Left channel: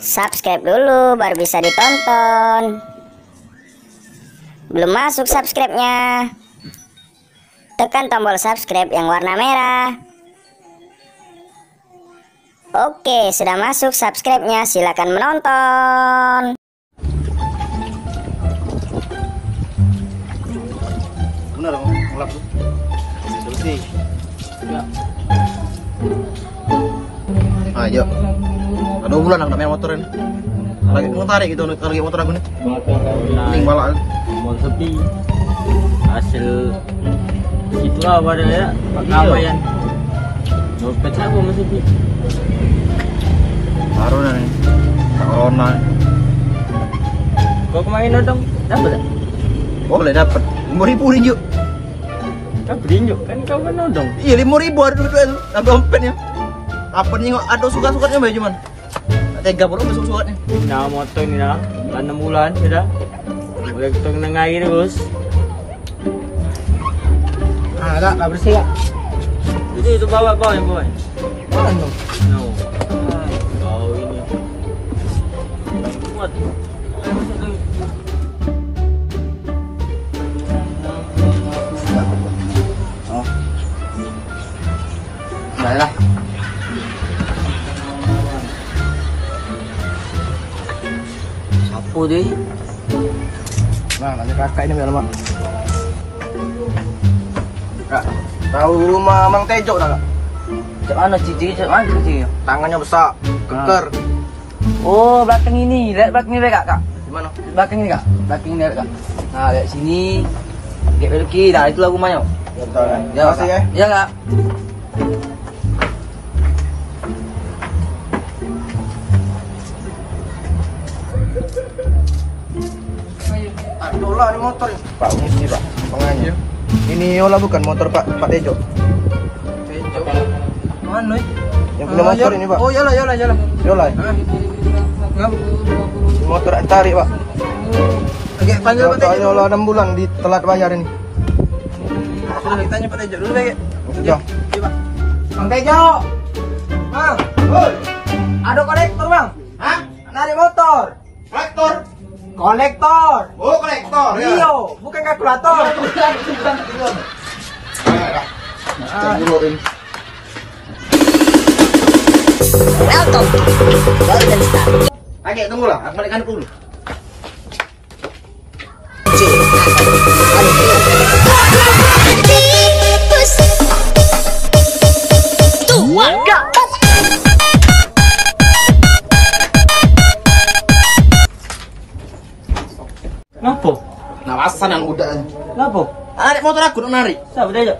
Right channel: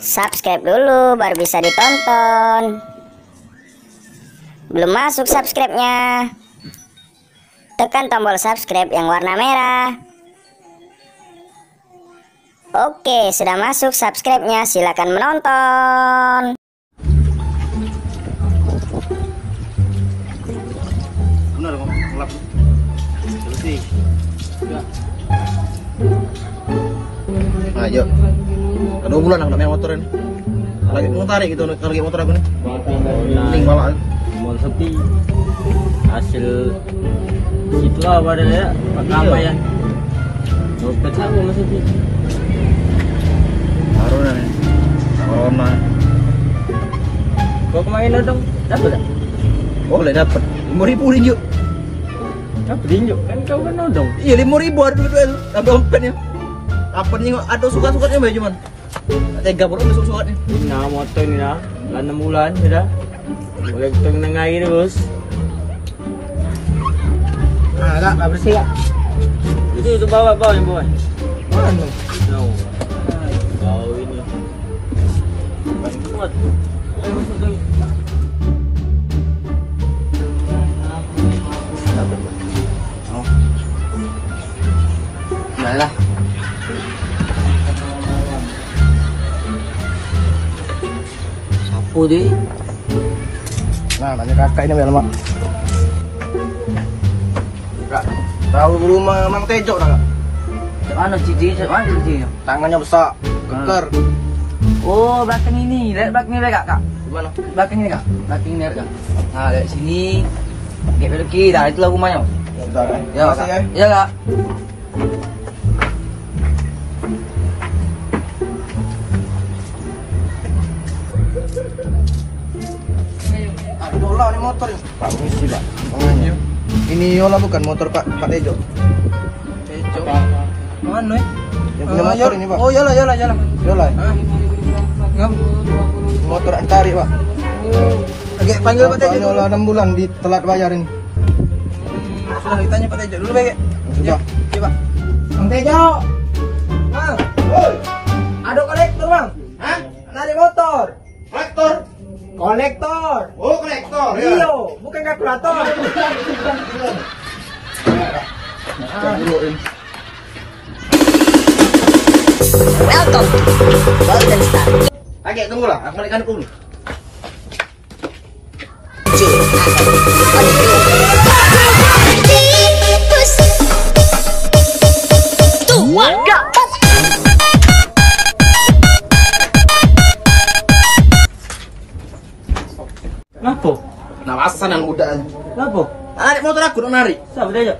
Subscribe dulu baru bisa ditonton. Belum masuk subscribe-nya? Tekan tombol subscribe yang warna merah. Oke, sudah masuk subscribe-nya. Silakan menonton. Benar kok, ngelap tuh. Bersih. Ya. Ayo. Ada bulan aku main motor ini. Lagi mau tarik gitu, lagi motor aku nih. Ning malah mau sepi. Hasil itulah pada ya, pakaian. Dompet aku mau sepi. Haruna nih. Corona. Kau kemarin dong, dapat tak? Oh, boleh dapat. 5.000 ringgit. Dapat ringgit kan kau kan nodong. Iya, 5.000 ada duit dompetnya. Apa nih ada suka-sukanya mbak cuman. Tega bro besok suratnya. Nah motor ini lah, 6 bulan sudah. Boleh kita kena air terus. Ah, enggak bersih ya. Itu bawa yang bawa. Mana? No. Kau ini. Bang kuat. Ayo masuk dulu. Oh. Udah lah. Apa dia? Nah, nanya kakak ini memang. Kak, tahu rumah Mang Tejo tak kak? Cak mana cici? Cak mana cici? Tangannya besar, keker. Oh, belakang ini. Lihat belakang ini kak. Gimana? Belakang ini kak. Belakang ini kak. Nah, lihat sini. Gap belki. Dah, itulah rumahnya. Betul kan? Ya, Makasih, kak. ya. Ya kak. Ah, Yola ini motor ini. Pak, misi pak. Pengannya. Ini Yola bukan motor Pak Tejo. Tejo. Mana? Yang punya motor ini Pak. Oh, Yola. Yola. Ngap. Motor tarik Pak. Oke, panggil Pak Tejo. Yola 6 bulan di telat bayar ini. Sudah ditanya Pak Tejo dulu, Pak. Sudah. Oke, Pak. Bang Tejo. Bang. Hoi. Ada kolektor, Bang. Hah? Narik motor. Kolektor. Kolektor. Oh, kolektor. Iya, bukan kalkulator. Welcome to Golden Star. Oke, tunggulah. Aku balikkan dulu. Kenapa? Nawasan yang muda. Kenapa? Narik motor aku dong narik. Siapa Tejo?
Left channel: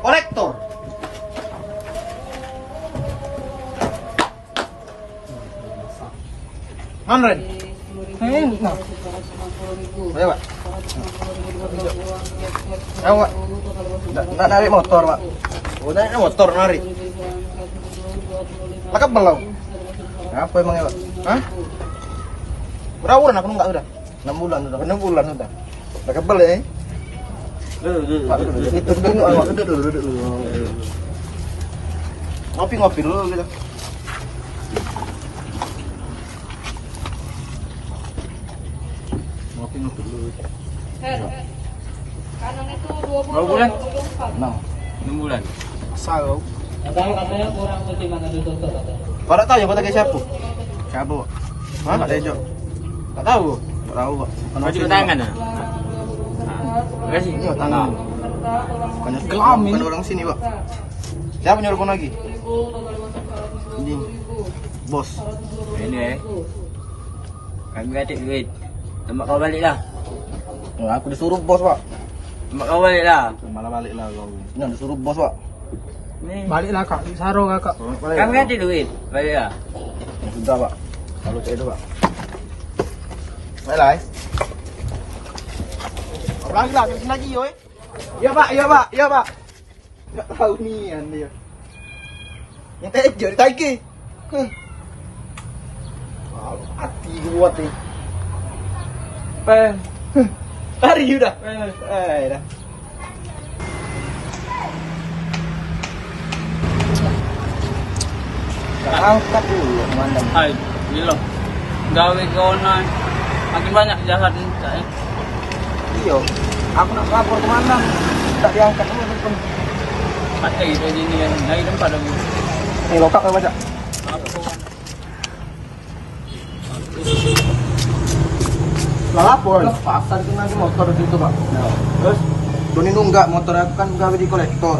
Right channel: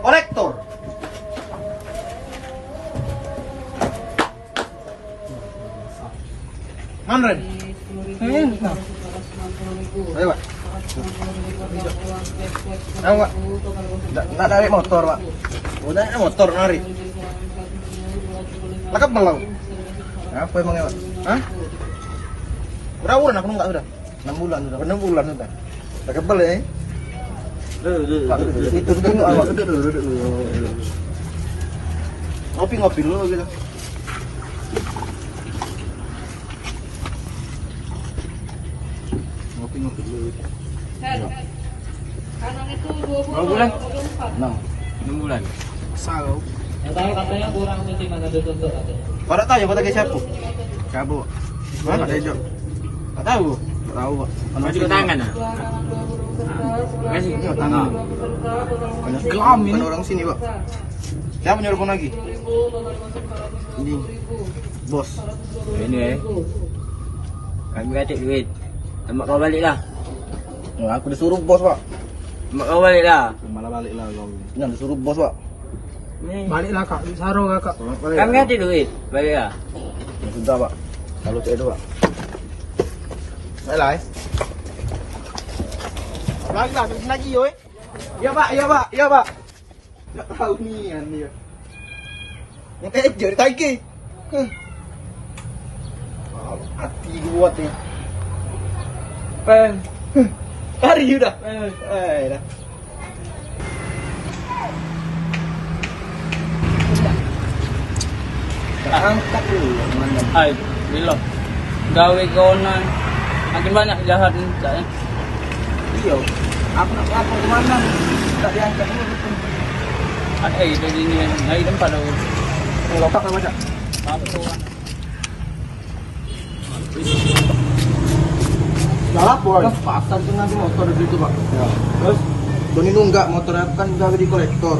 Kolektor. Mana Ren? Nah. Ayo Pak. Ayo Pak. Nggak narik motor Pak. Oh, narik motor narik. Lah belum. Apa emangnya Pak? Hah? Berapa bulan aku nggak udah? 6 bulan sudah. 6 bulan sudah. Udah kebel ya? Pak, duduk dulu. Ngopi dulu gitu. Ngopi dulu. Berapa bulan? 6 bulan. Sao. Katanya kurang pertimbangan dituntut. Kau tak tahu ya kota siapa? Siapa? Hah? Pak Tejo. Tak tahu. Tak tahu Pak. Kau juga tangan ah? Kasih. Iya tangan. Banyak kelam ini. Orang sini Pak. Siapa nyuruh kau lagi? Ini. Bos. Ini kami kata duit. Mak kau balik lah. Ya, aku disuruh bos Pak. Mak kau balik lah. Malah balik lah kau. Ini disuruh bos Pak. Baliklah kak, Saro kakak. Kami kata duit. Balik lah. Ya, sudah Pak. Kalau saya itu Pak. Baiklah. Lagi lagi yoi. Iya Pak. Iya Pak. Enggak tahu nian dia. Yang Tejo ditagi. Hati kuat nih. Tari udah. Dah. Angkat dulu mandang. Gila. Gawe konan. Makin banyak jahat ini saya. Iya. Aku nak lapor kemana? Tak diangkat semua telepon. Ada itu gini. Ngai tempat dong. Ini lokak apa baca? Lapor. Pasar itu nanti motor di situ pak. Terus Doni nunggak motor aku kan gawe di kolektor.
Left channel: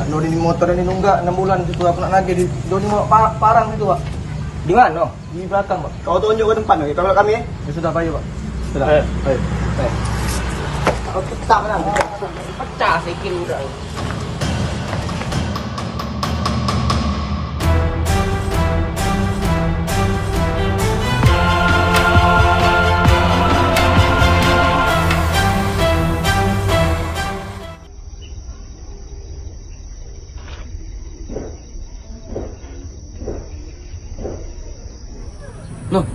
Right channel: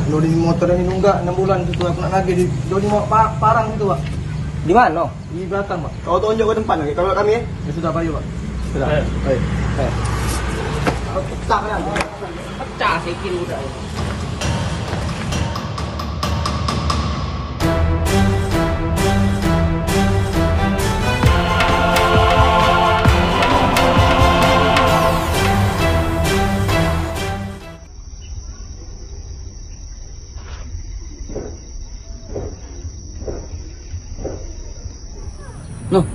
Nak Doni motor ini nunggak 6 bulan itu aku nak nagih di Doni mau parang itu pak. Di mana? Di belakang pak. Kau tunjuk ke tempat nih. Kalau kami ya sudah pak pak. Sudah. Ayo. Oke, tak mana? Pecah sikit udah. Loh,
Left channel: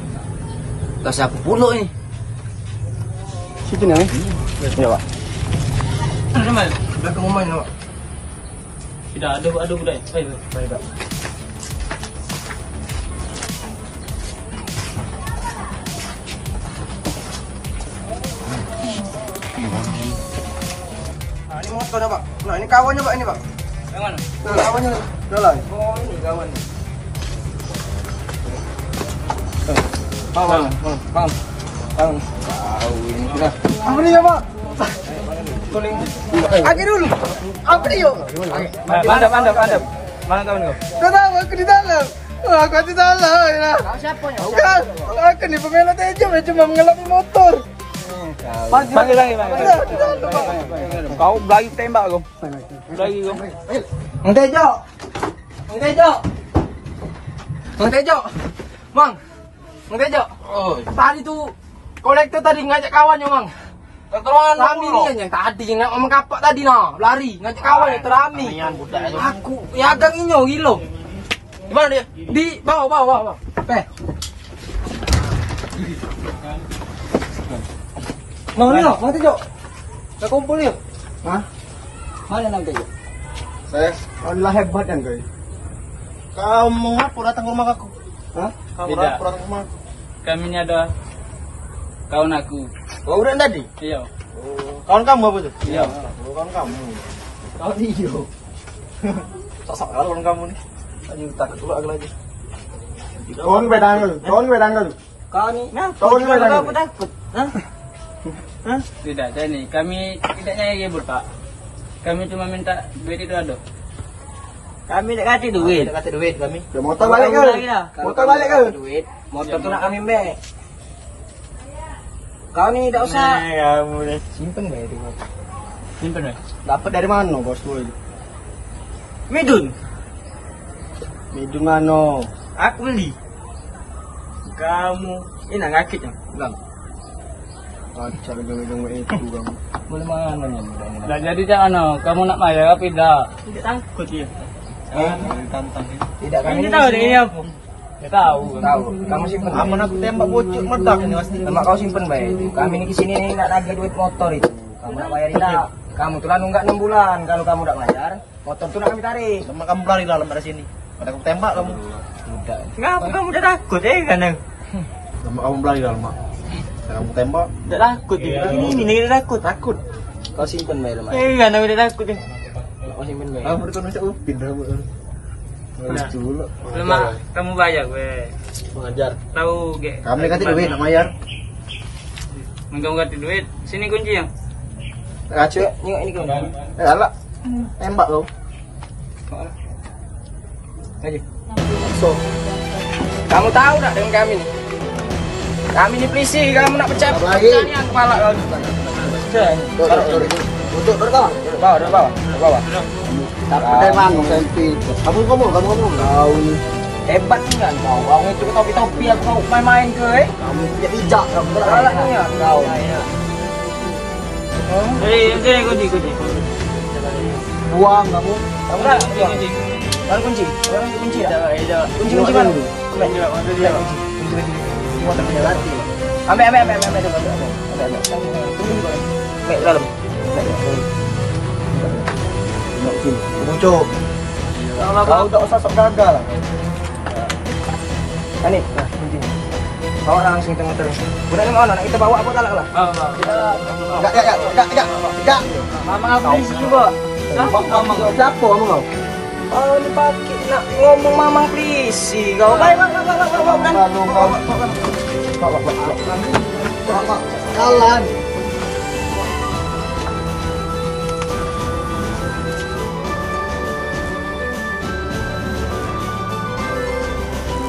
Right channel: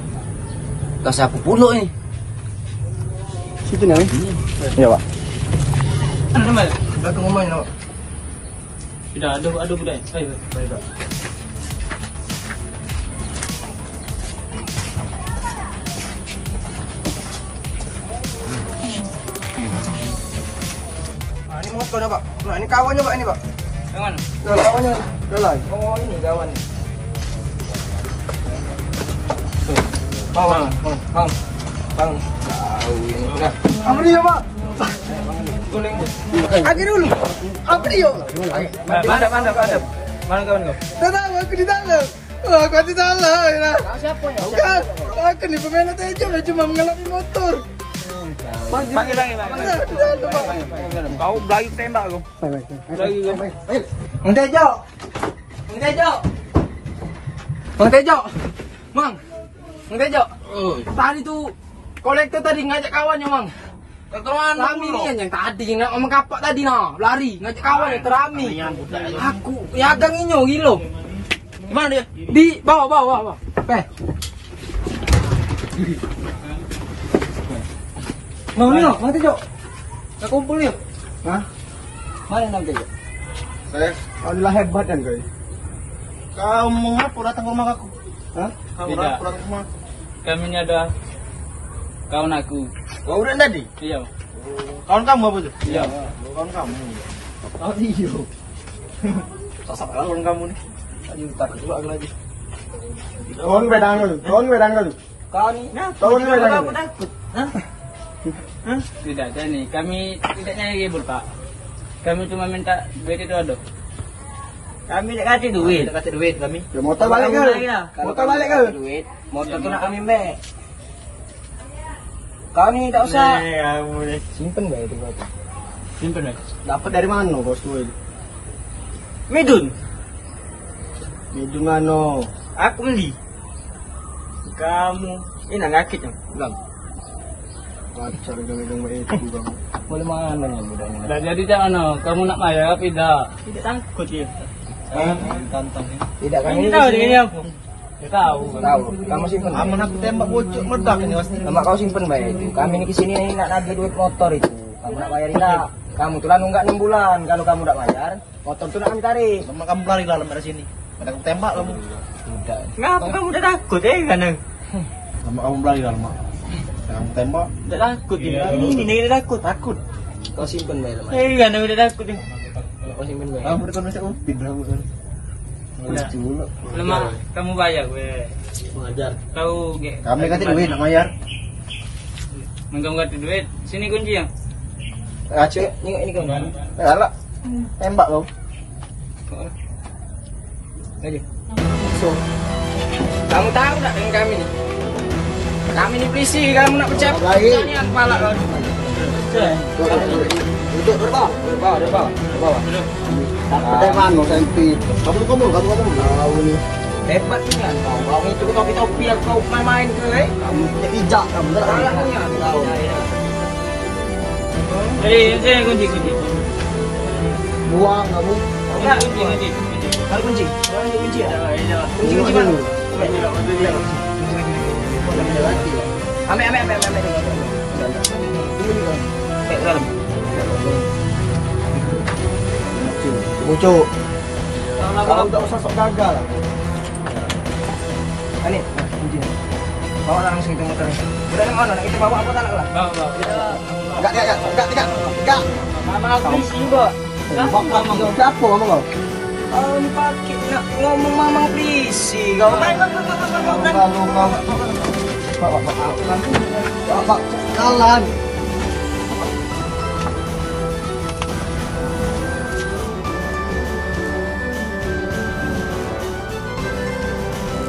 tas aku puluh ini. Situ nih. Iya pak. Ada mal. Udah ke rumah ini pak. Tidak ada budaya. Baik pak. Nah, ini motornya pak. Nah ini kawannya pak ini pak. Yang mana? Kawannya. Relay. Oh ini kawan. Bang. Tahu ini sudah. Apa dia pak? Lagi dulu. Apa dia? Mana kawan kau? Tidak tahu aku di dalam. Aku di dalam. Siapa ya? Bukan. Aku nih pemelot aja cuma mengelap motor. Panggil lagi. Kau lagi tembak kau. Lagi kau. Mang Tejo. Mang Tejo. Tadi tuh kolektor tadi ngajak kawannya, Mang. Kawan Rami ini yang tadi yang omong kapak tadi nah, lari ngajak kawan ya terami. Aku ya agang inyo gilo. Di mana dia? Di bawah. Mang Tejo. Kita kumpul ya. Hah? Mana Mang Tejo? Saya alhamdulillah hebat kan, guys. Kau mengapa datang ke rumah aku? Hah? Tidak. Kami ini ada kawan aku. Oh, udah tadi? Iya. Kawan kamu apa tuh? Iya. Kawan kamu. Kawan iyo. Pasak kalong kamu nih. Aduh, tak keluar lagi. Kawan bedang lu. Kami takut. Hah? Tidak, ini kami tidak nyari ribut pak. Kami cuma minta duit itu ada. Kami tidak kasih duit kami. Motor balik ke. Duit. Motor kena kami be. Kami tidak usah. Ya boleh. Simpen gak itu motor? Simpen ya. Dapat dari mana bos gue? Medun. Medium ano? Aku beli. Kamu ini ngakit ya? Enggak. Pacar dengan itu bang. Boleh mana nih? Nah, jadi kan kamu nak bayar apa tidak? Tidak takut ya. Tantang. Tidak kami tahu dia apa? Dia tahu. Kamu simpen. Aman aku tembak bocok meledak ini pasti. Nama kau simpen baik itu. Kami ini kesini nih nak nagih duit motor itu. Kamu nak bayar tidak? Kamu tuh nunggak 6 bulan. Kalau kamu tidak bayar, motor tuh nak kami tarik. Sama kamu lari dalam dari sini. Pada aku tembak kamu. Udah. Ngapa kamu udah takut kan? Sama kamu lari dalam mak. Kamu tembak. Udah takut ya. Ini udah takut. Kau simpen baik lemah. Kan udah takut ya. Kau simpen baik. Kamu udah masuk upin kamu. Nah, lemah kamu bayar gue. Mengajar. Tahu ge. Kami kasih duit nak bayar. Kamu kasih duit. Sini kunci yang. Aceh, ini kan. Alah. Tembak lo. Ayo. So. Kamu tahu tak dengan kami? Kami ini polisi, kamu nak percaya lagi? Yang kepala kau. Duduk bawah. Tak percaya mana selfie. Kamu ngomong. Tahu nih. Hebat tuh kan kau. Kau itu topi aku main-main ke? Kamu tidak ijak kamu. Tahu. Sini kunci. Buang kamu. Kunci. Taruh kunci. Kunci ya. Kunci. Ambil. Bucuk. Kau tak usah sok gagal lah. Ani, nah, kuncinya. Bawa langsung tengok-tengok. Udah tengok lah, kita bawa lah lah. Enggak. Mama aku isi juga. Mama kau siapa mama kau? Oh, lu pakai nak ngomong mama isi. Kau Kalau kau. Pak. Alan.